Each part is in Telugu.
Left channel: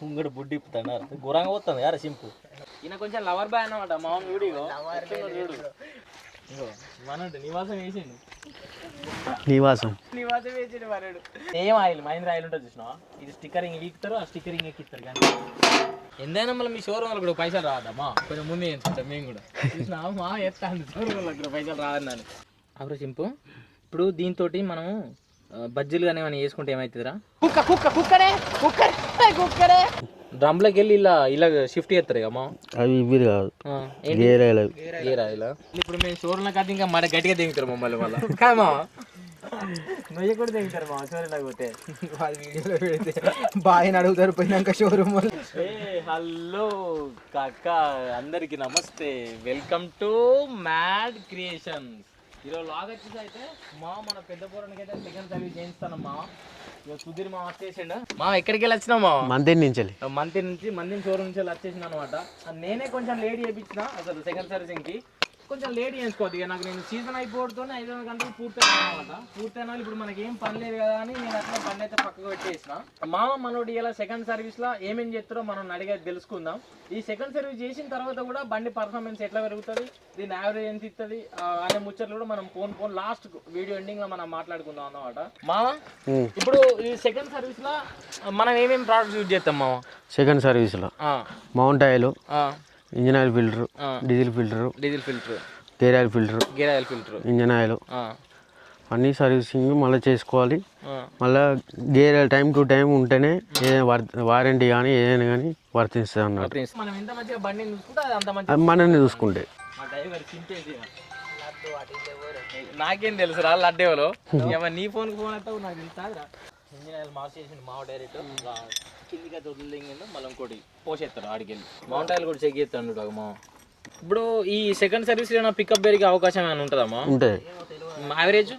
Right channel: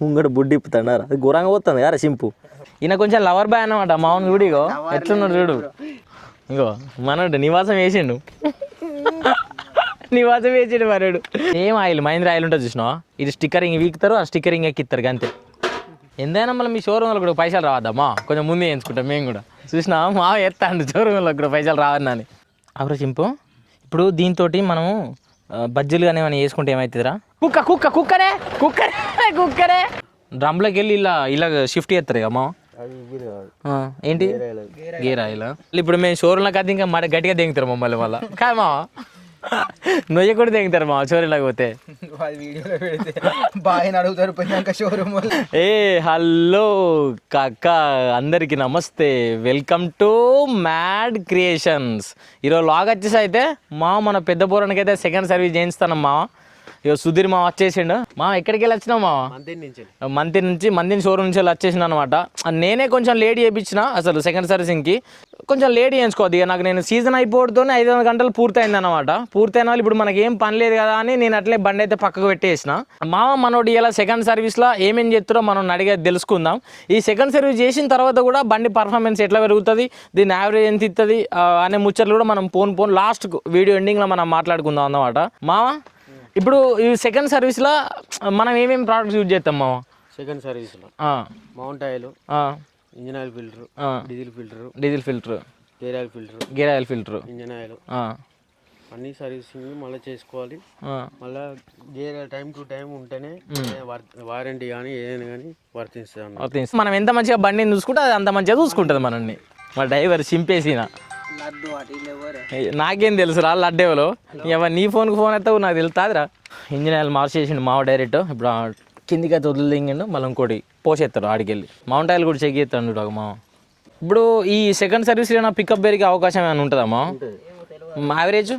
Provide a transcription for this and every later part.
ముంగడు బుడ్డి ఇప్పుతాడారు అది ఘోరంగా పోతుంది కదా సింపు. ఈయన కొంచెం లవర్ బాయ్ అన్నమాట. మామూలు కూడా ఇగో ఎట్లున్నాడు చూడు. ఇగో మనడు నివాసం వేసిండు. నివాసం వేసిండు మరడు. ఏం ఆయిల్ మహేంద్ర ఆయిల్ ఉంటుంది చూసినావా, ఇది స్టిక్కరింగ్ వీక్తారు, ఆ స్టిక్కరింగ్ ఎక్కిస్తారు అంతే. ఎంతైనా మళ్ళీ మీ షోరూమ్లో కూడా పైసలు రావద్దమ్మా, కొంచెం ముందే వేయించుకుంటాం మేము కూడా. చూసినా మా ఎత్తాండు షోరూమ్లో కూడా పైసలు రావద్దని. అవరా సింపు. ఇప్పుడు దీంతో మనము బజ్జీలు కానీ ఏమైనా వేసుకుంటే ఏమవుతుందిరా? కుక్కరే డ్రమ్లోకి వెళ్ళి ఇలా షిఫ్ట్ చేస్తారు అమ్మా. అవి ఇవి కాదు, ఏంటి గేర్ ఆయిల్. ఇప్పుడు మేము షోరూమ్లో కాదు ఇంకా మరి గట్టిగా దిగుతారు మమ్మల్ని వాళ్ళ కాదమ్మా. నొయ్య కూడా దిగుతారు మా షోరూమ్లోకి పోతే. బాగా అడుగుతారు పోయినాక షోరూమ్. ఏ హలో కాక, అందరికి నమస్తే, వెల్కమ్ టు మ్యాడ్ క్రియేషన్స్. ఈరోజు లాగ్ వచ్చేసి అయితే మన పెద్ద పోరానికి అయితే సెకండ్ సర్వీస్ చేయిస్తాను మామ. ఇక సుధీర్ మా వచ్చేసిండు. మా ఎక్కడికి వెళ్ళి వచ్చినా మా మందిని షోరూమ్ నుంచి వచ్చేసిన అనమాట. నేనే కొంచెం లేట్ చేయించిన అసలు సెకండ్ సర్వీసింగ్కి, కొంచెం లేట్ చేయించుకోవద్దు. ఇక నాకు నేను సీజన్ అయిపోవడంతోనే 500 గంటలు పూర్తయింది అనమాట. పూర్తయిన వాళ్ళు ఇప్పుడు మనకి ఏం పని లేదు కదా అని నేను అట్లే బండి అయితే పక్కకు పెట్టేసిన. మనోడు ఇలా సెకండ్ సర్వీస్లో ఏమేం చేస్తారో మనం అడిగేది తెలుసుకుందాం. ఈ సెకండ్ సర్వీస్ చేసిన తర్వాత కూడా బండి పర్ఫార్మెన్స్ ఎట్లా పెరుగుతుంది, దీని యావరేజ్ ఎంత ఇస్తుంది అనే ముచ్చట్లు కూడా మనం పోన్ లాస్ట్ వీడియో ఎండింగ్లో మనం మాట్లాడుకుందాం అన్నమాట. ఇప్పుడు ఈ సెకండ్ సర్వీస్లో మనం ఏమేమి ప్రోడక్ట్స్ యూజ్ చేస్తాం సెకండ్ సర్వీస్లో? Mount oil, engine oil filter, diesel filter, gear oil filter, engine oil అన్నీ సర్వీసింగ్ మళ్ళీ చేసుకోవాలి. మళ్ళీ గేర్ టైం టు టైం ఉంటేనే వారంటీ కానీ ఏదైనా కానీ వర్తిస్తుంది అన్నమాట. మనం ఎంత మంచిగా బండిని చూసుకుంటే అది అంత మంచిగా చూసుకుంటే. మా డ్రైవర్ చింపేసిన నాకేం తెలుసు రా లడ్డేవలో. ఎవరు నీ ఫోన్కి ఫోన్ అవుతావు నాకు తెలుతాదిరా. ఇంజిన్ ఆయిల్ మార్చేసిండు మావ డైరెక్ట్. ఇప్పుడు కిందికి అయితే వదిలి దింగిండు, మళ్ళీ ఇంకోటి పోసేస్తాడు ఆడికెళ్ళి. మౌంట్ ఆయిల్ కూడా చెక్ చేస్తాడు మావ. ఇప్పుడు ఈ సెకండ్ సర్వీస్లో పికప్ పెరిగే అవకాశం ఏమైనా ఉంటుందమ్మా? ఉంటుంది. యావరేజ్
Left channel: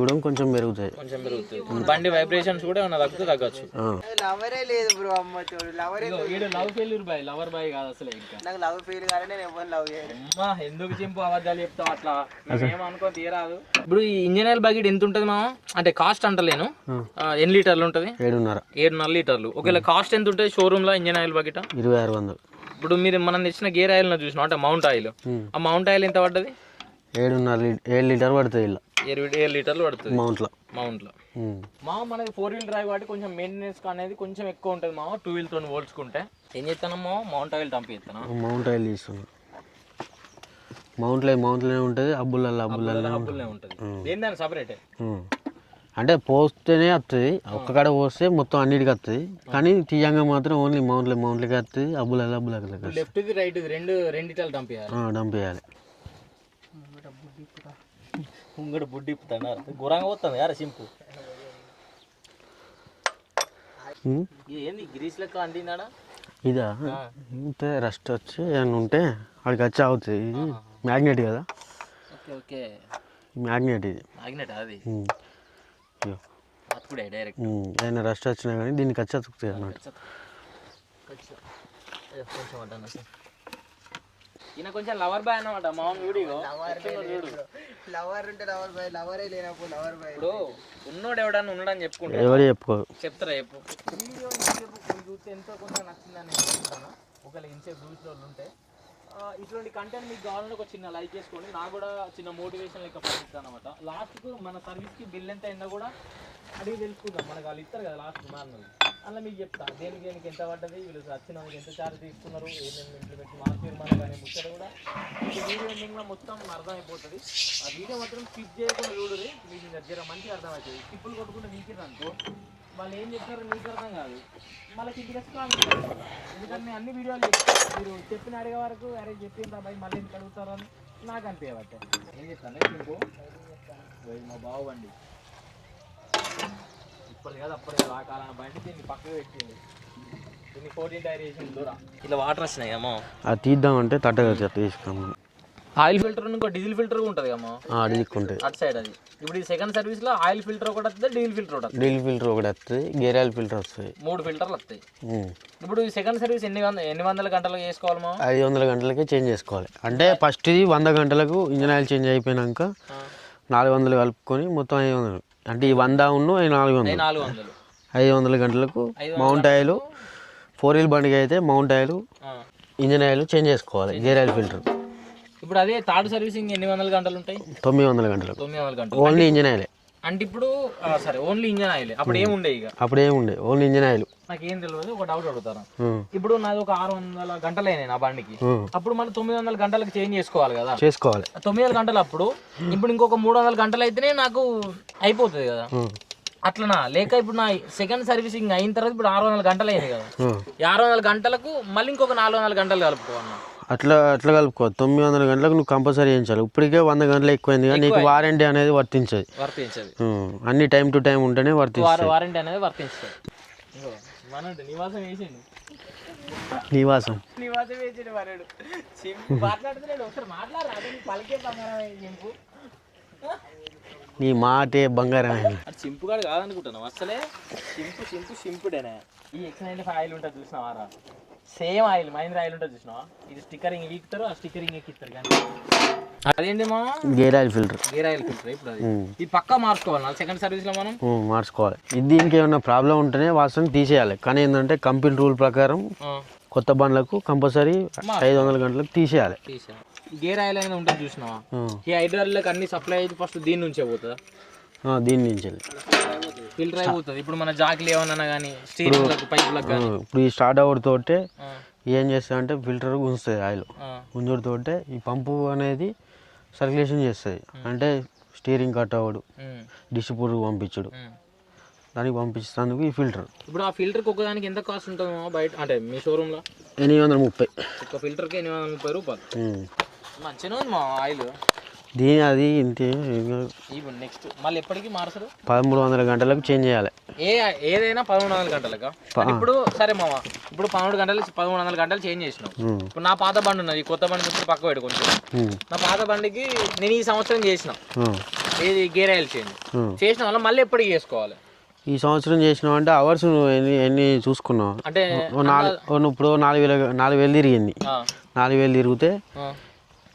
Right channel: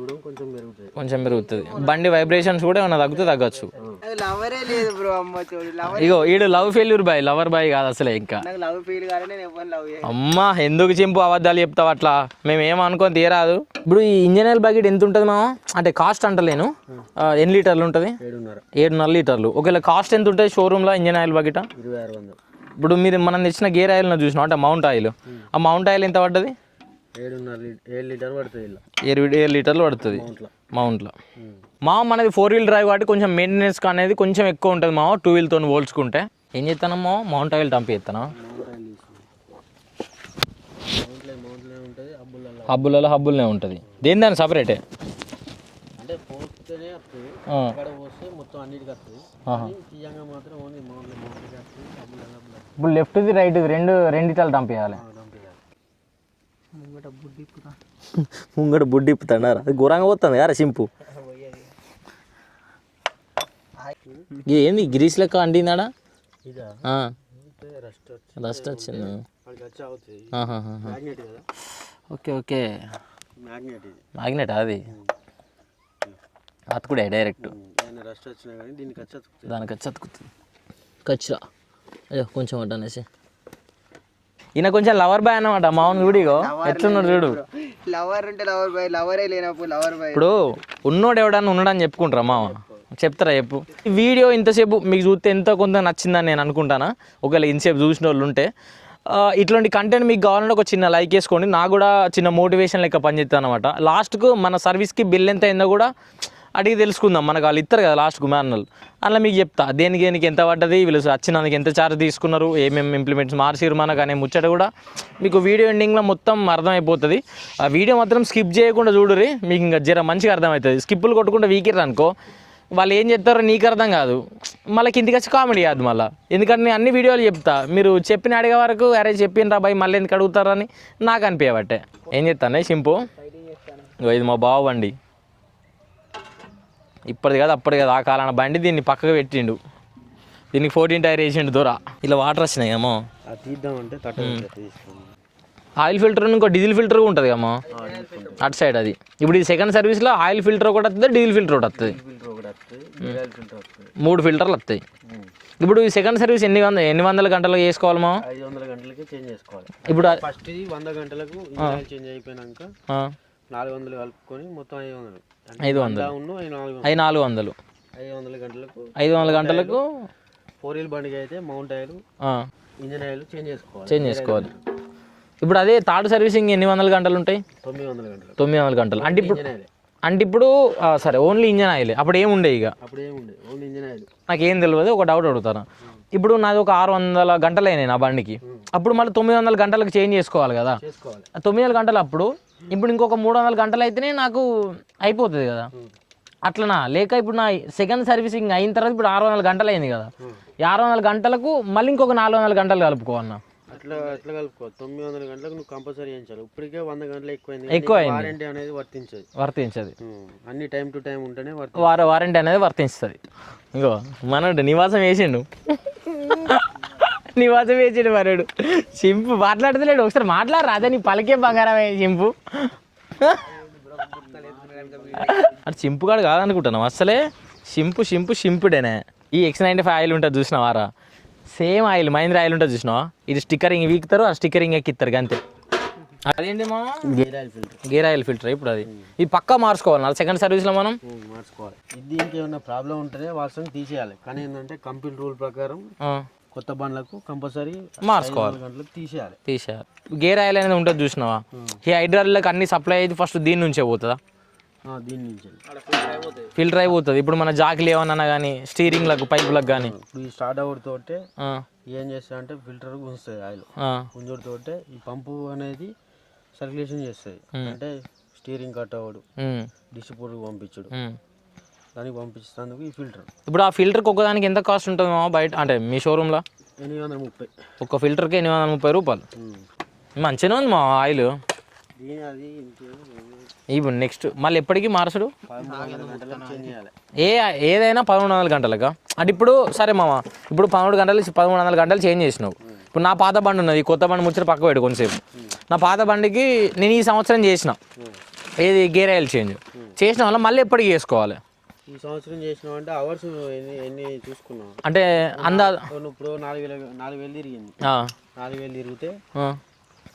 కూడా కొంచెం పెరుగుతుంది. బండి వైబ్రేషన్స్ కూడా ఏమైనా తగ్గచ్చు. ఇగో ఈడు లవర్ బాయ్ కాదు అసలే. ఇంకా అమ్మా ఎందుకు చింపు అబద్ధాలు చెప్తావు అట్లా, మేము ఏమనుకొని తీరాదు. ఇప్పుడు ఈ ఇంజిన్ ఆయిల్ బకెట్ ఎంత ఉంటుంది మా? అంటే కాస్ట్ అంటలేను, ఎన్ని లీటర్లు ఉంటుంది? 7.5 లీటర్లు. ఒకవేళ కాస్ట్ ఎంత ఉంటుంది షోరూమ్ లో ఇంజిన్ ఆయిల్ బకెట్? 2600. ఇప్పుడు మీరు మనం తెచ్చిన గేర్ ఆయిల్ చూసినా అంటే మౌంట్ ఆయిల్, ఆ మౌంట్ ఆయిల్ ఎంత పడ్డది? 7 లీటర్ పడుతుంది. 7 లీటర్లు పడుతుంది మౌంట్లో. మనది 4 వీల్ డ్రైవ్ కాబట్టి కొంచెం మెయింటెనెన్స్ అనేది కొంచెం ఎక్కువ ఉంటుంది 2 వీల్తో పోల్చుకుంటే. ఏం చేస్తానమ్మా, మౌంట్ ఆయిల్ టంప్ చేస్తాను. మౌంట్ ఆయిల్ తీసుకున్నాను. మౌంట్లోనే ఉంటుంది, హబ్బులనే ఉంటుంది. దేని సపరేటే అంటే పోస్తేనే వస్తుంది. అక్కడ పోస్తే మొత్తం అన్నిటికి వస్తుంది, కానీ తీయంగా మాత్రం ఓన్లీ మౌంట్లకి వస్తుంది. ఇప్పుడు లెఫ్ట్ రైట్ రెండిటాలు డంప్ చేయాలి. ముంగడు బుడ్డి ఇప్పుతాడారు అది ఘోరంగా పోతుంది కదా సింపు. ఏంది గ్రీస్ లెక్క అంటిందాడా? ఇదా రస్ట్ వచ్చి ఉంటే అక్కడికి వచ్చి అవుతుంది. మ్యాగ్నెట్ కదా. ఓకే మ్యాగ్నెట్ అది అతుకుడే డైరెక్ట్. ఏదైనా రస్ట్ వచ్చినా కానీ దీనికి వచ్చి అతుకుతుంది. ఖచ్చితంగా కొంచెం వడ్డనేసి. ఈయన కొంచెం లవర్ బాయ్ అన్నమాట. మామూలు వీడియో ఎట్లున్నాడు చూడు. ఇప్పుడు ఉన్నోడు ఎవడన్నా ఉన్నాడని చెప్పుకుంటారా? చెప్తారా చెప్పు. ఈ వీడియో ఇంతసేపు మీకు చూస్తే ఎంతో కొంత నచ్చిందని నేను అనుకుంటానా. ఒకవేళ ఇంతసేపు చూసిన వాళ్ళు ఉంటే ఇట్లాంటి కంటెంట్ మీకు కావాలంటే ఒక చిన్న లైక్ వేసుకోండి. నాకు కూడా చిన్న మోటివేషన్ లెక్క పనిచేస్తాను అనమాట. లాస్ట్కు మన సర్వీస్కి బిల్ ఎంత అయిందో కూడా అడిగి తెలుసుకుందాం. మనకు వాళ్ళు ఇస్తారు కదా లాస్ట్కు మ్యానువల్, అలా మీకు చెప్తా దేనికి ఎంత పడ్డది, వీళ్ళు వచ్చినందుకు ఎంత ఛార్జ్ తీసుకున్నారు, ఏమేమి ఇంప్లిమెంట్స్ మార్చిరు మనకు అనే ముచ్చట కూడా మీకు వీడియో ఎండింగ్లో మొత్తం అర్థమైపోతుంది. ఆ వీడియో మాత్రం స్కిప్ చేయకుండా చూడురి, మీకు ఇంకా జర మంచిగా అర్థమవుతుంది. స్కిప్పులు కొట్టుకుంటే వీకిర్రు అనుకో వాళ్ళు ఏం చెప్తారో నీకు అర్థం కాదు, మళ్ళీ కిందికి వచ్చి కామెడీ కాదు మళ్ళీ. ఎందుకంటే నేను అన్ని వీడియోలు చెప్తా, మీరు చెప్పిన అడిగే వరకు అరే చెప్పిండ్రా బాయ్ మళ్ళీ ఎందుకు అడుగుతారని నాకు అనిపించబట్టే. ఏం చెప్తానే సింపు, ఇది మా బావ బండి, ఇప్పటిది కాదు అప్పటి కాదు ఆ కాలాన బండి. దీన్ని పక్కకు పెట్టిండు, దీనికి 14 టైర్ వేసిండు దూర. ఇలా వాటర్ వచ్చినాయి ఏమో అది తీద్దామంటే తట్టగా తీసుకున్నాం. ఆయిల్ ఫిల్టర్ ఇంకో డీజిల్ ఫిల్టర్ ఉంటుంది కమ్మా అటు సైడ్. అది ఇప్పుడు ఈ సెకండ్ సర్వీస్లో ఆయిల్ ఫిల్టర్ ఒకటి వస్తుంది, డీజిల్ ఫిల్టర్ ఒకటి వస్తుంది. గేర్ ఆయిల్ ఫిల్టర్ వస్తుంది, 3 ఫిల్టర్లు వస్తాయి. ఇప్పుడు ఈ సెకండ్ సర్వీస్ ఎన్ని వందల గంటలకు చేసుకోవాలి? 500 గంటలకే చేంజ్ చేసుకోవాలి. ఇప్పుడు ఫస్ట్ 100 గంటలకు ఇంజిన్ ఆయిల్ చేంజ్ అయిపోయినాక 400 కలుపుకొని మొత్తం 500. అంటే 100 400. 500 గంటలకు 500 మౌంట్ ఆయిల్, గంటలకు 4 బండికి అయితే mount oil, engine oil change చేసుకోవాలి. Gear oil filter. ఇప్పుడు అదే థర్డ్ సర్వీసింగ్ ఎన్ని వందల గంటలు ఉంటాయి? 900 గంటలు. 900 గంటలు ఓన్లీ ఇంజిన్ ఆయిల్. అంటే ఇప్పుడు సరే ఓన్లీ ఇంజిన్ ఆయిల్. అప్పుడు ఏముండే ఇక? అప్పుడు ఏముండే ఓన్లీ ఇంజిన్ ఆయిల్. నాకేం తెలియదు, ఒక డౌట్ అడుగుతాను. ఇప్పుడు నాది ఒక 600 గంటలు అయినాయి నా బండికి, అప్పుడు మళ్ళీ 900 గంటలకు చేంజ్ చేసుకోవాలి కదా? చేసుకోవాలి. 900 గంటలు అప్పుడు ఇప్పుడు ఇంకొక 300 గంటలు అయితేనే నాకు అయిపోతుంది కదా? అట్లనా? లేక ఇప్పుడు నా సెకండ్ సర్వీసింగ్ అయిన తర్వాత ఇప్పుడు 600 గంటలు అయింది కదా, 600 గంటలకు మళ్ళీ ఇంకొక 400 గంటలు కలుపుకోవాలన్నా? అట్లా కలుపుకో. 900 గంటలకు నువ్వు కంపల్సరీ చేయించాలి. ఇప్పటికే 100 గంటలు ఎక్కువైంది కానీ నీకు వారంటీ అనేది వర్తించదు. అన్ని టైం టు టైం ఉంటేనే వారంటీ అనేది వర్తిస్తుంది. ఇంకో మనడు నివాసం వేసిండు, నివాసం వేసిండు మనడు. సింపు మాట్లాడతలేడు. ఒకసారి మాట్లాడరా, అదే నీ పలికే బంగారమే సింపు. నీ మాటే బంగారం. అది సింపుగాడు కాదనుకుంటున్నావు అసలే. సింపుడేనే. ఈ X95 ఆయిల్ ఉంటుంది చూసినావారా? సేమ్ ఆయిల్ మహీంద్రా ఆయిల్ ఉంటుంది చూసినావా? ఇది స్టిక్కరింగ్ వీక్తారు, ఆ స్టిక్కరింగ్ ఎక్కిస్తారు అంతే. అదేంటి మా గేర్ ఆయిల్ ఫిల్టర్. ఇప్పుడు అది ఇది పక్కా మార్చుకోవాలి సెకండ్ సర్వీస్లో మనం మార్చుకోవాలి. ఇది దీనికి ఏమన్నా ప్రాబ్లం ఉంటేనే వాసన తీసేయాలి. కానీ ఏంటంటే కంపెనీ రూల్ ప్రకారం కొత్త బండ్లకు కంపల్సరీ 500 గంటలకు తీసేయాలి. గేర్ ఆయిల్ అనేది ఉంటుంది చూసినావా? ఈ హైడ్రాలిక్ అన్ని సప్లై అయితే ఫస్ట్ దీని నుంచే పోతుందా? దీని నుంచి ఫిల్టర్ అయిపోతుంది. ఇప్పుడు మన జాకిలు ఏమన్నా కానీ స్టీరింగ్లకు పైపులకు కానీ ఇప్పుడు ఈ స్టార్ట్ అవుతోటే ఏం చేస్తుంది అంటే ఫిల్టర్ ఉంచుతుంది. ఆయిల్ ఉంచుడుతోటే ఈ పంపు అనేది సర్క్యులేషన్ చేస్తుంది. అంటే స్టీరింగ్ కట్ అవ్వడు, డిస్ట్రిబ్యూటర్ పంపించడు, దానికి పంపించేందుకు ఈ ఫిల్టర్. ఇప్పుడు ఆ ఫిల్టర్కి ఒక్కదానికి ఎంత కాస్ట్ ఉంటుంది బయట అంటే మీ షోరూంలో? 830. ఒక్క ఫిల్టర్కి 830 రూపాయలు. మంచిగానే ఉంది మా ఆయిల్. దీని అది ఇంతే. ఇప్పుడు నెక్స్ట్ మళ్ళీ ఎప్పటికీ మార్చడు? 1300 గంటలకు చేంజ్ చేయాలి. ఏదైనా 1300 గంటలకా? అంటే ఇప్పుడు సరే మామ, ఇప్పుడు 1300 గంటలు చేంజ్ చేసినావు. ఇప్పుడు నా పాత బండి ఉన్నది, కొత్త బండి ముచ్చట పక్క పెట్టి కొంచెం. నా పాత బండికి నేను ఈ సంవత్సరం చేసిన ఏది గేర్ ఆయిల్ చేసిన వల్ల మళ్ళీ ఎప్పటికి చేసుకోవాలి? ఈ సంవత్సరం చేసినావు అంటే అవర్స్ నువ్వు ఎన్ని చూసుకున్నావు అంటే ఇప్పుడు 4000 తిరిగింది. 4000 తిరిగితే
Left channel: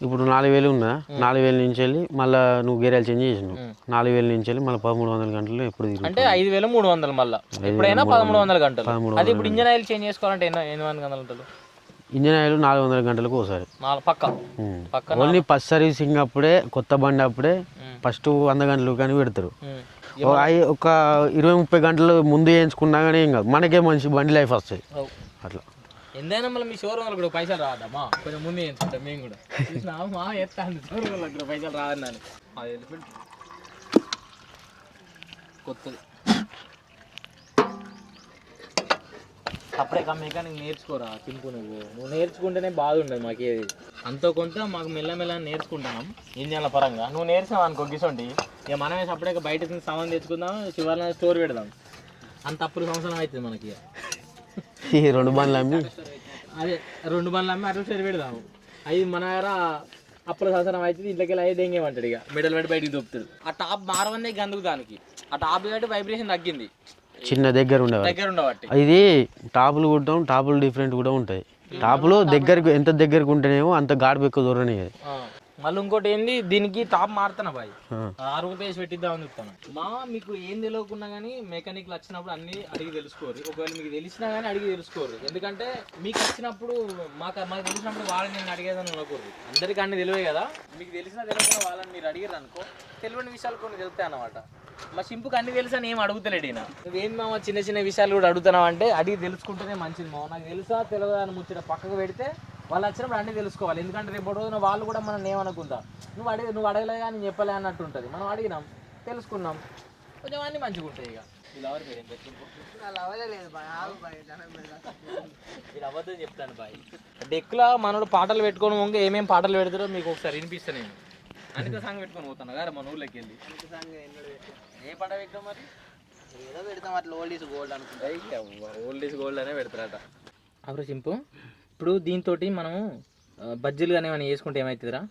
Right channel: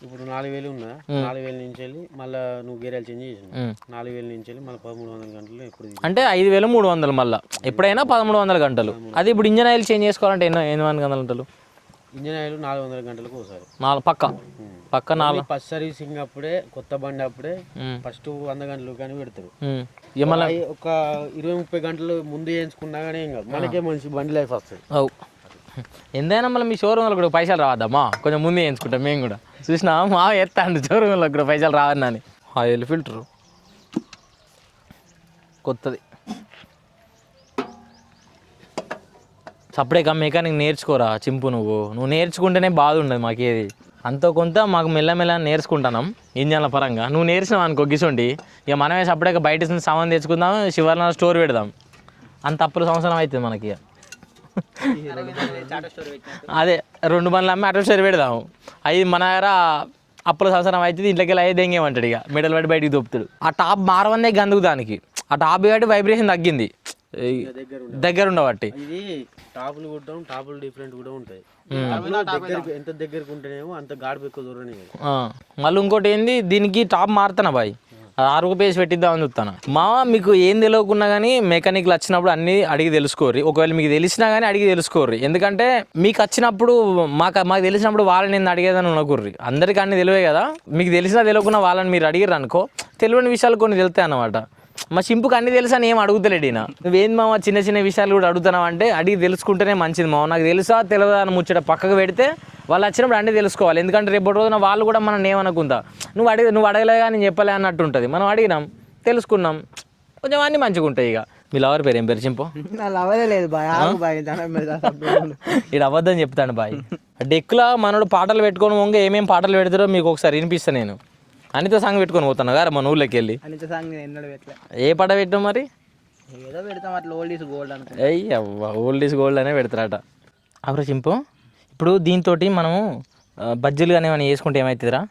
ఇప్పుడు 4000 ఉందా? 4000 నుంచి వెళ్ళి మళ్ళీ నువ్వు గేర్ ఆయిల్ చేంజ్ చేసినావు. 4000 నుంచి వెళ్ళి మళ్ళీ 1300 గంటలు ఎప్పుడు అంటే 5300 మళ్ళీ ఎప్పుడైనా 1300 గంటలు. అది ఇప్పుడు ఇంజన్ ఆయిల్ చేంజ్ చేసుకోవాలంటే ఎన్ని గంటలు? ఇంజన్ ఆయిల్ 400 గంటలకు ఒకసారి పక్క ఫస్ట్ సర్వీసింగ్ అప్పుడే, కొత్త బండి అప్పుడే ఫస్ట్ 100 గంటలు కానీ పెడతారు. ఒక 20-30 గంటలు ముందు వేయించుకున్నా కానీ ఏం కాదు, మనకే మంచి బండి లైఫ్ వస్తుంది. అట్లా ఎంతైనా మళ్ళీ మీ షోరూమ్లో కూడా పైసలు రావద్దమ్మా, కొంచెం ముందే వేయించుకుంటాం మేము కూడా. చూసినా మా ఎత్తాండి షోరూమ్లో కూడా పైసలు రావద్దని. ఆయిల్ ఫిల్టర్ కొత్తది. అప్పుడే మెకానిక్ నేర్చుకోరా చింపు. నువ్వు నేర్చుకుంటేనే బాధ ఉండదు మాకేది. అంతో కొంత మాకు మెల్లమెల్ల నేర్చుకుంటున్నాం ఇంజన్ల పరంగా. నువ్వు నేర్చినావు అనుకో గిసోండి, ఇక మనమే అప్పుడే బయట సామాన్ తెచ్చుకుందాం, శివార్లో స్టోర్ పెడదాం. అంత అప్పుల సంవత్సరం అవుతుంది మనకి. ఈ 2 బండ్లు అమ్మి అదే 2 బండ్లు అమ్మి అటు సరి పెడదాము. అవి మన దగ్గర అప్పుల సంవత్సరం అవుతుంది. ఇంట్లోకి వెళ్ళి అయ్యి దెంగేమంటాడు, ఇక మెడల్ పడి బయటికి దొప్పుతాడు. ఆ టాప్ మారవందే గందుకు దానికి. ఆ టాప్ బట్టి వైబ్రేషన్ తగ్గింది, చిన్న దగ్గర ఉండబట్టి. ఇది టాపులు కుట్టాం, టాపులు డిఫరెంట్ కూడా ఉంటాయి. టాపులు ఎంత దగ్గరకు ఉంటేనేమో అంత గాడి ఎక్కువ దూరని. మళ్ళీ ఇంకోటి ఏంది, దీనికి టాప్ మారుతానా బాయ్, 6 పేసి పెట్టిద్దామని చెప్తాను. మీకు ఏం తెలియకున్నా కానీ మెకానిక్లు వచ్చినప్పుడు అన్ని అడిగి తెలుసుకోర్రి. ఒకవేళ మీకు తెలిసినా కానీ అడిగి తెలుసుకోర్రి. ఎందుకంటే మీకు వచ్చినప్పుడు మాకు తెలిసినప్పుడు వాళ్ళని నేను అడిగేదని అనుకోర్రి. అందరికీ అన్ని తెలివే కదా. మీకు తెలిసినా తెలియకున్నా వాళ్ళని మీరు అడిగారు అనుకో, తెలియని విషయాలు కొన్ని తెలుస్తాయి అన్నమాట. మా సింపుకి అన్ని తెలుసా అని ఏం అడుగుతలేడు ఈయన. నువ్వేంది మామ చిన్న చిన్న విషయాలు కూడా అడుగుతున్నావు అంటే, అడిగి తెలుసుకుంటేనే మంచిది మామ. నాకు తెలుసా తెలియదా అని ముచ్చట పక్కకు పెడితే వాళ్ళు వచ్చినప్పుడు అన్నీ తెలుసుకోవాలి. ఎందుకంటే రేపటి రోజున వాళ్ళు కూడా మనం ఏమనుకుందా, నువ్వు అడగలేగా నేను చెప్పలే అన్నట్టు ఉంటుంది. మనం అడిగినాం, తెలుసుకున్నాం, కొంచెం అన్నీ మంచిగా ఉంటాయి. ఇక మీ లవర్ పేరు ఏం పేరు చింపు? ఇక్కడ అబద్ధం చెప్తాను బాయ్. డెక్కులా మనోడు పాటలు పెట్టుకొని వంగ ఏమేమి పాటలు పెడతారో మీకు ఒకసారి వినిపిస్తాను. నేను అనితో సాంగ్ పెట్టుకొని పోతాను కదా మన ఊళ్ళోకి వెళ్ళి. ఏ పాట పెట్టాం మరి? ఓల్డ్ ఈజ్ గోల్డ్ అనే పెడతారట. అప్పుడు చింపు, ఇప్పుడు దీంతో మనము బజ్జీలు కానీ ఏమైనా వేసుకుంటే ఏమవుతుందిరా?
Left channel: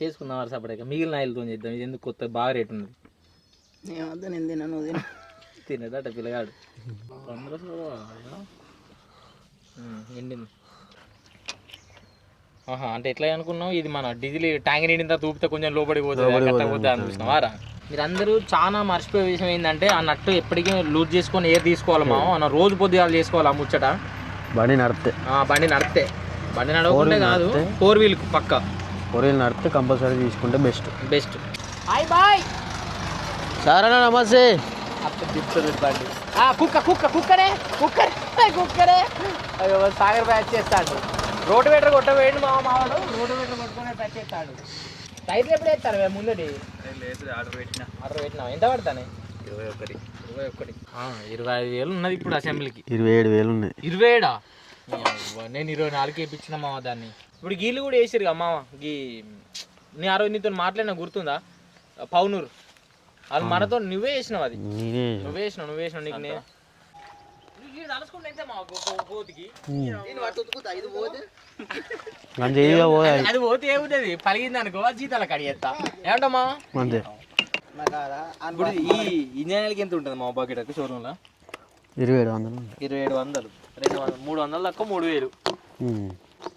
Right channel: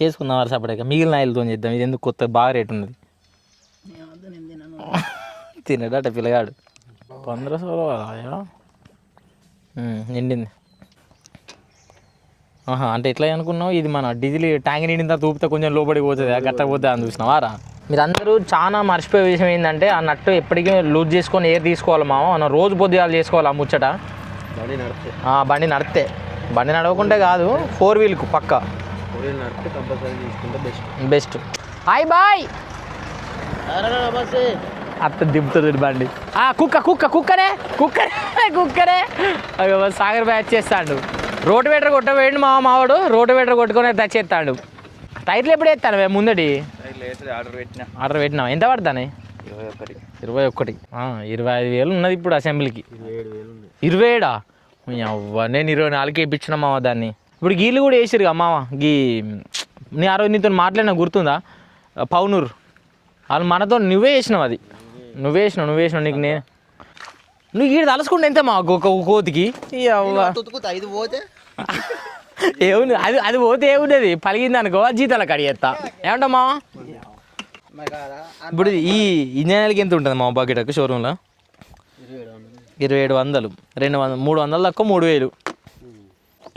చేసుకుందాం వరుస అప్పటిక మిగిలిన ఆయిల్తో చేద్దాం. ఇది ఎందుకు కొత్త బాగా రేట్ ఉన్నది. తినడట పిల్లగాడు. 1500 నిండింది. అంటే ఎట్లా అనుకున్నావు ఇది మన డీజిల్ ట్యాంక్ నిండిందా తూపితే కొంచెం లోపలికి పోతుంది కట్టకపోతే అని చూసినావారా. మీరు అందరూ చాలా మర్చిపోయే విషయం ఏంటంటే ఆ నట్టు ఎప్పటికీ లూజ్ చేసుకొని ఏర్ తీసుకోవాలి మామ. మనం రోజు పొద్దుగాలు చేసుకోవాలి ఆ ముచ్చట. బండి నడితే బండి నడవకుంటే కాదు 4 వీల్కు పక్క 4 వీల్ నడితే కంపల్సరీ తీసుకుంటే బెస్ట్. హాయ్ బాయ్ సరే నమస్తే. అత్త దింపుతుంది బండి. కుక్కరే సాగర్ బ్యాచ్ చేస్తాడు. రోటివేటర్ కొట్టవేయండి మావాడు రోటివేటర్ కొట్టుకొని తెచ్చేస్తాడు. టైర్లు ఎప్పుడు వేస్తాను ముందటి ఆర్డర్ పెట్టినా ఎంత పడతానే 21 25,000 ఉన్నది ఇప్పుడు అసెంబ్లీకి. 27,000 ఉన్నాయి. 27 నేను 24 వేయించిన మామ దాన్ని. ఇప్పుడు గీళ్ళు కూడా వేసిరు మామ. నీ ఆ రోజు నీతో మాట్లాడినా గుర్తుందా పౌనూరు వాళ్ళు మనతో నువ్వే వేసినావు. అది నువ్వే వేసినావు నీకు నేను నువ్వు గీడు తలుసుకుంటే ఎంత మా కోతికి అది పోతే ఏముండేది పలిగింది అనుకో జీతాల కడిగేస్తా ఏమంటా మామ. ఇప్పుడు ఈ ఇంజనీర్కి ఎంత ఉంటుంది మా బకెట్ షోరూంలో 2700 300 తక్కువ 3000.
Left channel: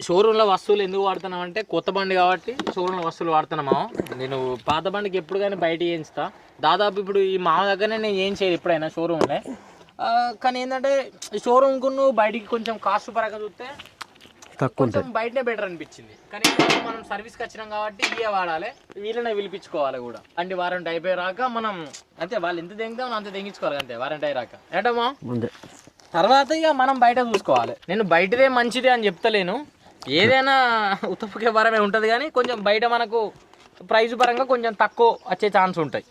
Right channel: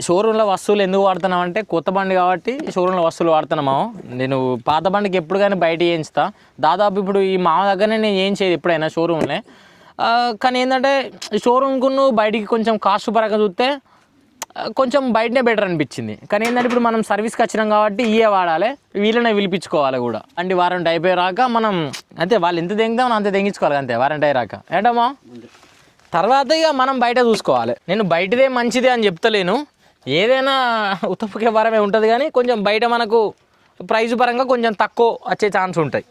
షోరూంలో వస్తువులు ఎందుకు వాడుతున్నాం అంటే కొత్త బండి కాబట్టి షోరూంలో వస్తువులు వాడుతున్నాము. నేను పాత బండికి ఎప్పుడు కానీ బయట చేయించుతా. దాదాపు ఇప్పుడు ఈ మా దగ్గరనే నేను చేయించేది ఎప్పుడైనా షోరూంలో. కానీ ఏంటంటే షోరూమ్కు బయటికి కొంచెం కాస్ట్ పరంగా చూస్తే కొంచెం బయటనే బెటర్ అనిపించింది. కానీ ఏంటంటే ఇప్పుడు మనం సర్వీస్కి వచ్చినాం కాబట్టి ఇవే వాడాలి వీళ్ళనే పిలిపించుకోవాలి కూడా. అంటే వారంటీ అయిపోయాక మనం అంతే వాళ్ళు ఎంత తెంగుతామో అంతే తెంగించుకోవాలి అంతే వారంటీ అయ్యాక ఏంటమ్మా. తర్వాత ఇక మనం బయట చూసుకోవాలి. నేను బయటదే మంచిదే అని చెప్తలేను. ఏదైనా ఉత్తపుకే వరమే ఉంటుంది కానీ కొంచెం బయట మనకు ప్రైస్ పరంగా కొంచెం తక్కువ వచ్చే ఛాన్స్ ఉంటాయి.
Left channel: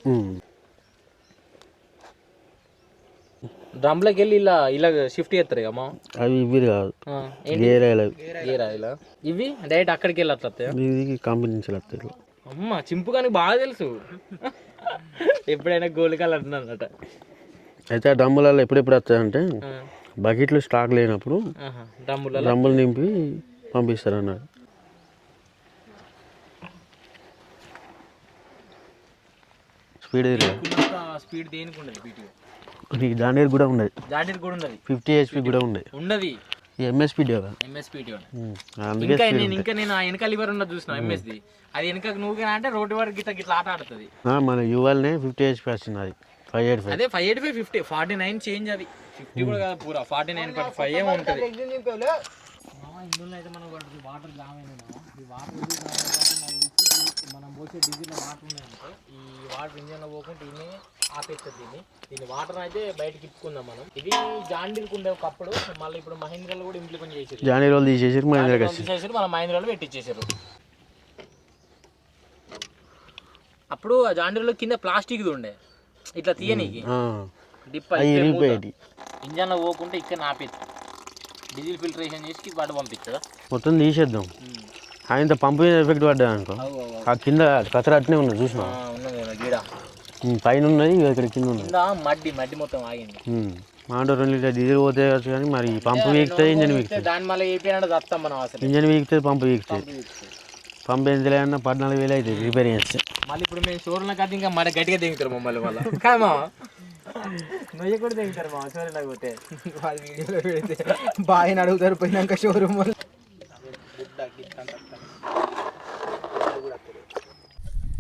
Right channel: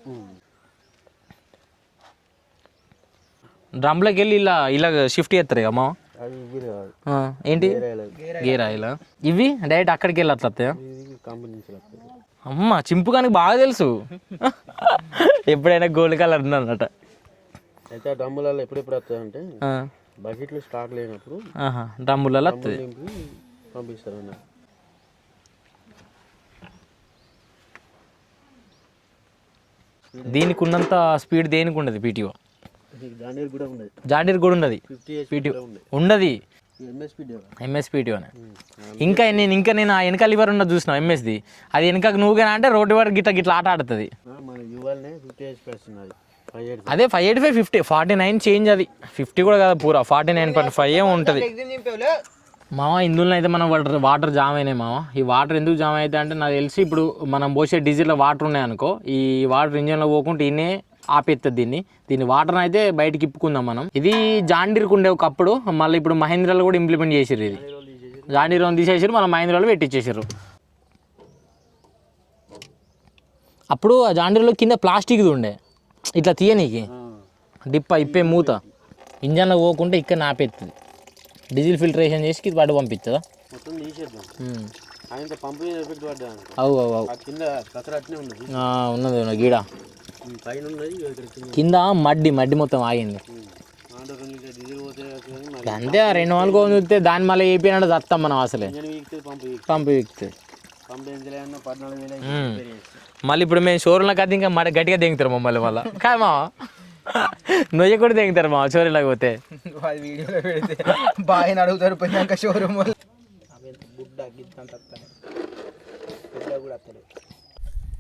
డ్రమ్లోకి వెళ్ళి ఇలా షిఫ్ట్ చేస్తారు అమ్మా. అవి ఇవి కాదు ఏంటి గేర్ ఆయిల్ ఇవి డైరెక్ట్ అక్కడికి వెళ్ళి అట్లా కంపెనీ నుంచి వస్తాయి. అమ్మ చింపుకానికి బాగా తెలుసు. ఎప్పుడైనా గోల్డ్ కలర్ ఉందన్నట. అయితే ఆ డ్రమ్ములలో ఎప్పుడెప్పుడు వస్తాయంటే బకెట్లు స్టాక్ లేనప్పుడు డ్రమ్ములు నింపి పంపిస్తారు అన్నాడు. స్పీడ్ దీనికి ఉన్నంత స్పీడ్ దేనికి ఉండదు పీటీఓ. జాండీర్ కూడా ఉన్నది 50 HP కూడా ఉన్నది ఎంఎస్పీటీ. ఇంకా నేను ఆ వెనక లివర్ ఉన్నది చూసిన ఎంఎస్ది. అది వెనకకు నువ్వుగా అంటే రోడ్డు వరకు గిట్ల ఆట ఆడుతుంది. మన యువల్నే 50 HP వస్తుంది. అది 585 అదే 585 50 49 చేంజ్. అది 50 కూడా కాదు పూరా 49.5 ఉంటుంది మామ. ఇందులో అయితే మనం వాటర్ జామ్ అయినాయి మామ. ఈ వాటర్ ఎందుకు జామ్ అవుతాయి అంటే నాకు తెలిసి ఇప్పుడు మనం పోసే డీజిల్లో వాటర్ ఉన్నాయనుకో ఈ వాటర్ ఇంజన్లో పోకుండా ఈయనే ఆపేస్తుంది దీన్ని వాటర్ అయితే బయటకి ఇప్పుకుందాం మనం. ఇది జాండీర్కి ఉండే ఒకప్పుడు మళ్ళీ ఇప్పుడు మహేంద్రాలు కూడా ఇంప్లిమెంట్ చేసారు. జాండీర్ తీసేసారు మళ్ళీ మహేంద్రాలు పెట్టించేసారు. అప్పుడు జాండీర్లో కింద ప్లాస్టిక్ది ఉండే ఇట్లా తీయనీకి డిప్ప ఇప్పే మూత ఇంజన్లో పోకుంటే ఇక్కడ ఆపేస్తుంది. డీజిల్ ఫిల్టరేషన్ చేసి వాటి పంపిస్తుందా మొత్తం తీసేద్దాం. ఆయన పంపు ఎఫెక్ట్ పడ్డా అనుకో కింద కచరా అట్నే ఉన్నది చూసి ఉన్నది గీడ పైన ఉన్నది ఇక్కడ కింద మడ్డి మొత్తం ఆగింది. 2 లీటర్ డీజిల్ పోతే కానీ మరి దాని మళ్ళీ ఏపీనంటే దత్తాం మనం అసలు. ఇంజన్ వీక్తే పంపు పంపు ఎంత లేదన్నా 14,000 అయితే రిపేర్ చేస్తే. మళ్ళీ ఇప్పుడు మేము షోరూంలోకి అయితే ఇంకా మరి గట్టిగా దిగుతారు మమ్మల్ని వల్ల కామా నొయ్య కూడా దిగుతారు మా షోరూంలోకి పోతే. బాగా అడుగుతారు పోయినాక షోరూమ్.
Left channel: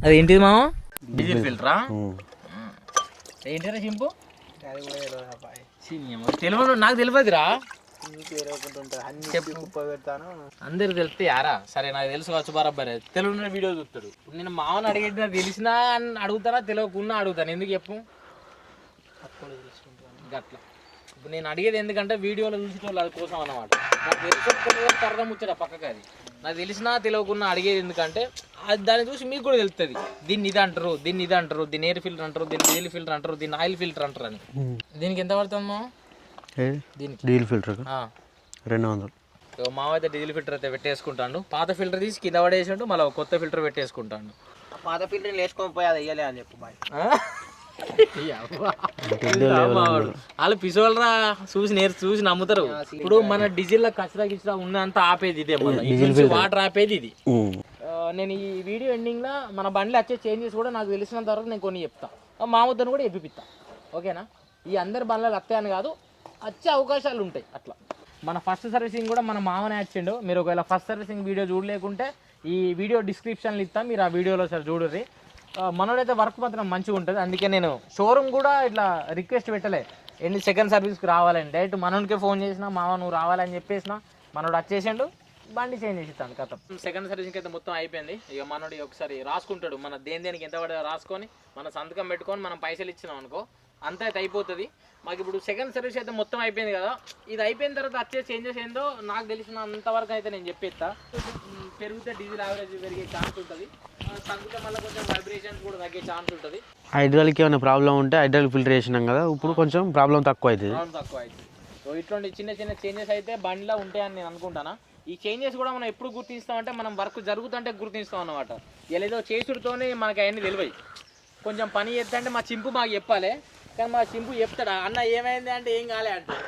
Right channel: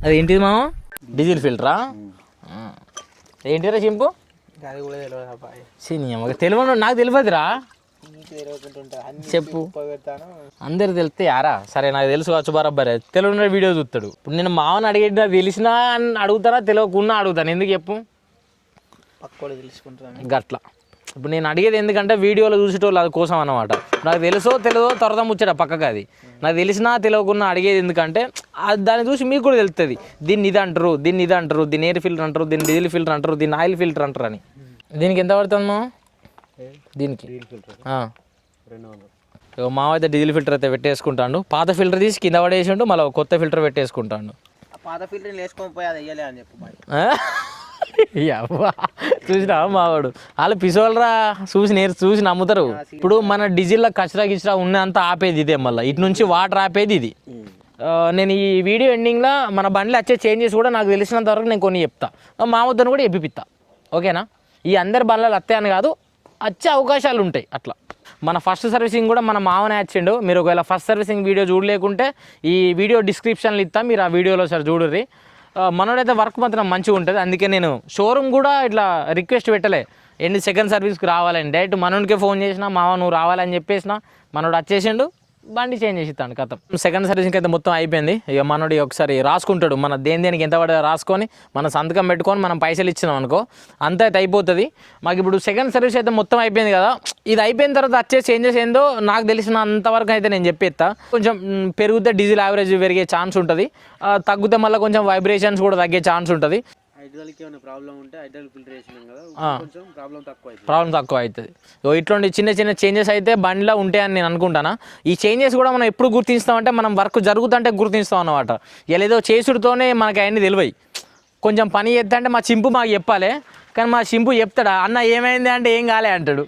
అది ఏంటిది మామ డీజిల్ ఫిల్టరా ఏంటిరా చింపు తెలియదు నాకు తెలియదురా చెప్పు. అందరు తెలిస్తే యారా సరే నాకు తెలుసు కావచ్చు బరాబరే తెలియని వీడియో చూస్తాడు. ఇప్పుడు నేను మామని అడిగేట తెలిసినా అని అడుగుతారా తెలియకుండా అడుగుతాను ఎందుకు చెప్పు గట్లా. ఇప్పుడు నేను అడిగేది ఎందుకంటే వీడియోలో చూసేటోళ్ళు అది కోసం అన్నమాట. నాకు తెలుసో తెలియదో తర్వాత ముచ్చట పక్కకు. అది నాకు తెలిసినా తెలియకుండా అడిగేది ఎందుకంటే దాన్ని చూసి మీకు కూడా తెలుస్తుంది దీన్ని ఇది అంటారు దీన్ని ఎయిర్ ఫిల్టర్ అంటారు దీన్ని డీజిల్ ఫిల్టర్ అంటారు దీన్ని ఆయిల్ ఫిల్టర్ అంటారు అని. దీనికి ఎంత పడుతుందో దీనికి డీజిల్ ఫిల్టర్ 200. మావ అయితే డీజిల్ ఫిల్టర్ అయితే పెట్టేసుకుంటాడు. పాత ఫిల్టర్ తీసి కింద పడేసిండు మళ్ళీ కొత్త ఫిల్టర్ పెట్టేసుకుంటాడు. పాత ఫిల్టర్ వేసుకొని పోయి అది వేయలే అని చెప్పి మావాడు వాళ్ళు పిసోళ్ళరా చూసి నమ్ముతారు. ఇప్పుడు మన డీజిల్లో కచరా ఉన్నంత ఆపేది ఇదే మళ్ళీ ఇటు నుంచి వాటర్ ఆపేది ఇది. నేను ఈ వీడియో ఎండింగ్లో మన బండ్లు వచ్చే చేంజెస్ కూడా నాకు తెలిసినంత వరకు నేను కొన్ని చెప్తా మామూలుతో కూడా ఎప్పిపిస్తా ఓకేనా. ఈ అందరి బండ్లు వస్తాయని కాదు వచ్చే అవకాశాలు ఉంటాయి అట్లా. మన ఫస్ట్ సర్వీసింగ్ కూడా మన మామనే వచ్చిండు. మీరు ఒకవేళ ఫస్ట్ సర్వీసింగ్ వీడియో చూడలేకుంటే ఈ వీడియో డిస్క్రిప్షన్లో ఇస్తాం, మీరు ఆ వీడియోలో సార్ చూడర్రి. మనోడైతే వర్క్ మాత్రం మంచిగా ఉంటుంది. అందుకే నేను షోరూమ్ కూడా ఇట్లా రిక్వెస్ట్ పెట్టలే ఎన్ని సెకండ్ సర్వీస్కి రావాలని. డైరెక్ట్ మనోడికే ఫోన్ చేసినా, మామ నువ్వు రావాలని చెప్పేసిన, మనోడు వచ్చేసిండు, బండి చేంజ్ చేసి ఇస్తాను కథ. సెకండ్ సర్వీసింగ్ అయితే మొత్తం అయిపోయింది. ఇక మనోడు ఒకసారి రాసుకుంటాడు, మన దేనికి ఎంత పడదో రాసుకొని మన సంతకం పెట్టుకొని మనం పైసలు ఇచ్చినాం అనుకో, అంత అయితే అయిపోతుంది. మాకు ఇప్పుడు సెకండ్ సర్వీస్ అయితే మొత్తం అయిపోయింది కదా. ఇది అయిపోయిన తర్వాత వచ్చే చేంజెస్ ఏందో నాకు తెలిసిన అంతవరకు అయితే నేను చెప్పేస్తా. కొంచెం పెరిగితే డీజిల్ యావరేజ్ పెరిగే ఛాన్స్ ఉంటుంది, తగ్గితే మళ్ళీ కొంచెం వైబ్రేషన్స్ కూడా తగ్గే ఛాన్స్ ఉంటుంది. హైడ్రాలిక్ ఏమైనా ప్రాబ్లం ఉంటే హైడ్రాలిక్ ఫిల్టర్ వేసినాం కదా, ఇప్పుడు కొంచెం ప్రాబ్లం తక్కువ అవుతుంది. ఇట్లాంటి చిన్న చిన్న చేంజెస్ అయితే బండిలో ఉంటాయని నేను అనుకుంటాను. ఈ చేంజెస్ కూడా మనం ఎప్పుడు గుర్తిస్తామంటే మనం వర్క్ జరుగుతుంటే గుర్తిస్తాం అన్నమాట. ఏదో చేసుడుతోనే మనకి అవన్నీ తెలివై. కొంచెం పని చేస్తా అంటే మా చింపు మాకు చెప్పాలి, కానీ మా చింపు చెప్తాడు అన్న ఏమైంది అంటే ఏం కాలే అంటాడు.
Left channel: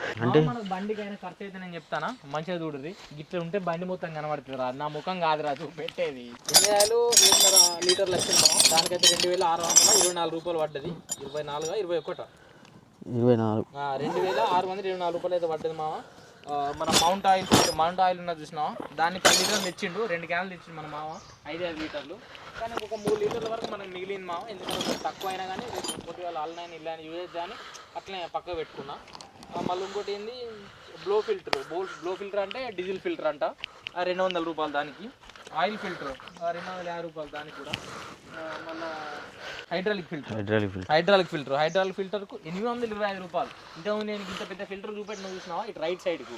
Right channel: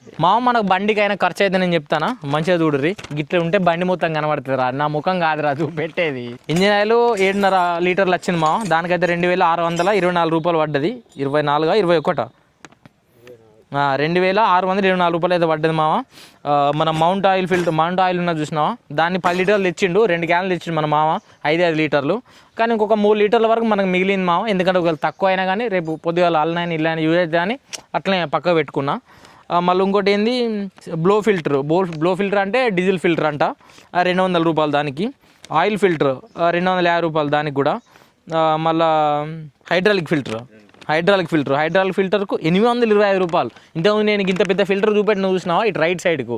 మనకు బండికి అయినా ఖర్చు అయితే నేను చెప్తానా, మంచిగా చూడుర్రి. గిట్ల ఉంటే బండి మొత్తం కనబడుతుంది రా, నా ముఖం కాదురా పెట్టేది. ఇంజిన్ ఆయిల్ 7.5 లీటర్లు వచ్చింది మా, దానికైతే 2,624 రూపాయలు పడ్డది. 21 2,624 రూపాయలు అయితే పడ్డది మామ. మన మౌంట్ ఆయిల్ ఉన్నది చూసినావా, దాన్ని 10 లీటర్లు తెచ్చిండు, 2 క్యాన్లు తెచ్చిండు మన మామ, 5 లీటర్లు. కానీ ఇంకొక 3 లీటర్ల వరకు మనకు మిగిలింది మామ. ఎందుకంటే ఒకవేళ తక్కువ అయినా కానీ రేపు పొద్దుగాల అల్లనైనా ఇల్లని యూజ్ అయితే అని అట్లనే పక్క పెట్టుకున్నా. మళ్ళీ ఇంకోటి ఏంది బ్లో ఫిల్టర్ అంటే డీజిల్ ఫిల్టర్ అంట, 200 రూపాయలు దానికి. ఆయిల్ ఫిల్టర్ 250 రూపాయలు దానికి కూడా. మళ్ళా హైడ్రాలిక్ ఫిల్టర్కు 825 రూపాయలు. ఇంతకుముందు నేను ఇంత పెద్ద ఫిల్టర్ చూపెట్టిన చూసినావా, ఇటు రైట్ సైడ్కు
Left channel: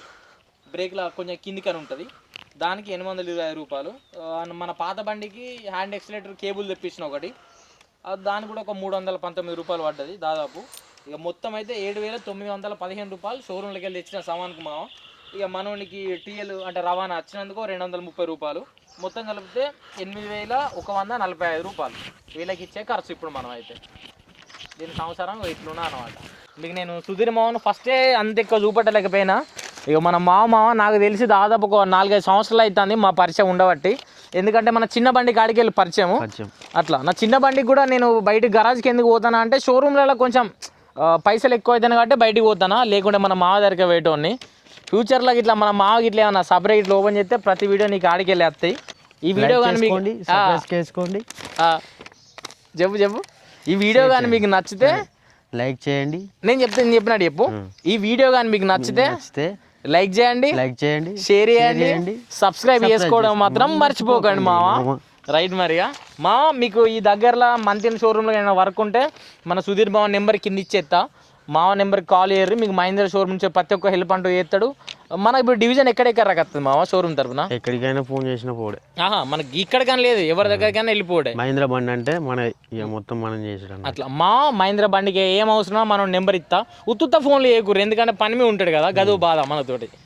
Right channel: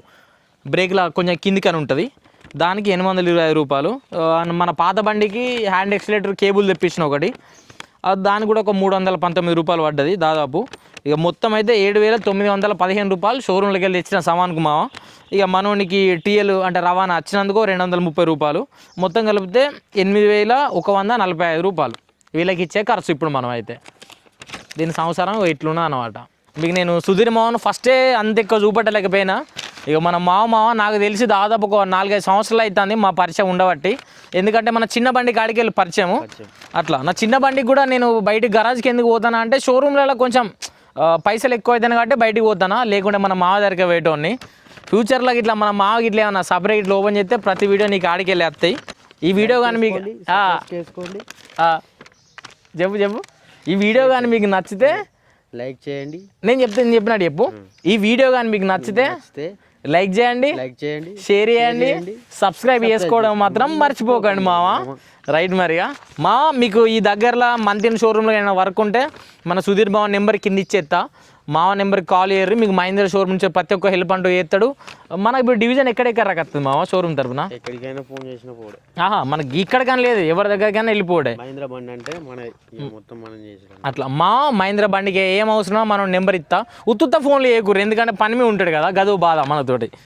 బ్రేక్లా కొంచెం కిందికని ఉంటుంది, దానికి 825 రూపాయలు. మన పాత బండికి హ్యాండ్ ఎక్సిలేటర్ కేబుల్ తెప్పించిన ఒకటి, దానికి కూడా ఒక 319 రూపాయలు పడ్డది దాదాపు. ఇక మొత్తం అయితే 7,915 రూపాయలు షోరూమ్లోకి వెళ్ళి తెచ్చిన సామాన్కు మావ. ఇక మనోనికి టీఎల్ అంటే రవాణా వచ్చినందుకు 230 రూపాయలు, మొత్తం కలిపితే 8,145 రూపాయలు వీళ్ళకి ఇచ్చే ఖర్చు ఇప్పుడు మనం అయితే. దీని సంవత్సరం ఇట్లున్నా అనమాట. మీకు నేను సుధీర్ మామను ఫస్టే అంత ఎక్కువ చూపెట్టలేకపోయినా, ఇక మన మామ నాకు తెలిసి దాదాపు ఒక 4-5 సంవత్సరాలు అవుతుంది మా పరిచయం ఉండబట్టి. ఎందుకంటే మన చిన్న బండి కాడికి వెళ్ళి పరిచయము అట్లా. నా చిన్న బండికి కూడా నేను బయట గరాజ్కి ఎందుకు పోతానా అంటే షోరూమ్లలో కొంచెం పైసలు ఎక్కువ అవుతాను కాబట్టి బయటికి పోతానా, లేకుండా మన మామ దగ్గరికి పోయేటోని. ఫ్యూచర్లో ఇట్లా మన మామకి ఇట్లా ఏమన్నా సపరేట్ ఇట్లా ఓపెన్ చేస్తే ప్రతి వీడియో నీకు ఆడికి వెళ్ళి వస్తాయి. ఈ వీడియో కానీ మీకు చెప్పు ఈ వీడియో కానీ మీకు నచ్చితే లైక్ చేయండి. నేను చెప్పినట్టు చెప్పు. ఈ వీడియో కానీ మీకు నచ్చితే లైక్ చేయండి, షేర్ చేయండి, సబ్స్క్రైబ్ చేసుకోవడం మాత్రం మర్చిపోకండి మామ. రైట్ మరిగా మా మీకు ఈ దగ్గరలో మంతిన్ షోరూమ్లో ఏమైనా వర్క్ ఉంటే మన సుధీర్ బావ నెంబర్ కింద ఇచ్చేస్తా, మావ నెంబర్కి కాల్ చేయరు. మీకు మహేంద్ర షోరూమ్ నుంచి ప్రతి ఒక్క హెల్ప్ అంటూ చేస్తాడు. మన ఇప్పుడు డివిజన్ ఎక్కడెక్కడ రకస్తుంది మావ షోరూమ్ తరపున? ఎక్కడికైనా ఫోన్ చేసిన పోడే. మనకి ఇక్కడ కానీ లేదు, ఎవరి దగ్గరకైనా వెళ్ళిపోడే. మహేంద్ర బండి అంటే మన మొత్తం మనం చేసడం అట్లా. మా మహేంద్ర బండికి ఏం అవసరమో మనం నెంబర్ ఇస్తా. ఉత్తుత్త ఫోన్లు చేయకూరు, ఎందుకంటే పని మీద ఉంటాడు కదా, గదో బాధ మనతోటి.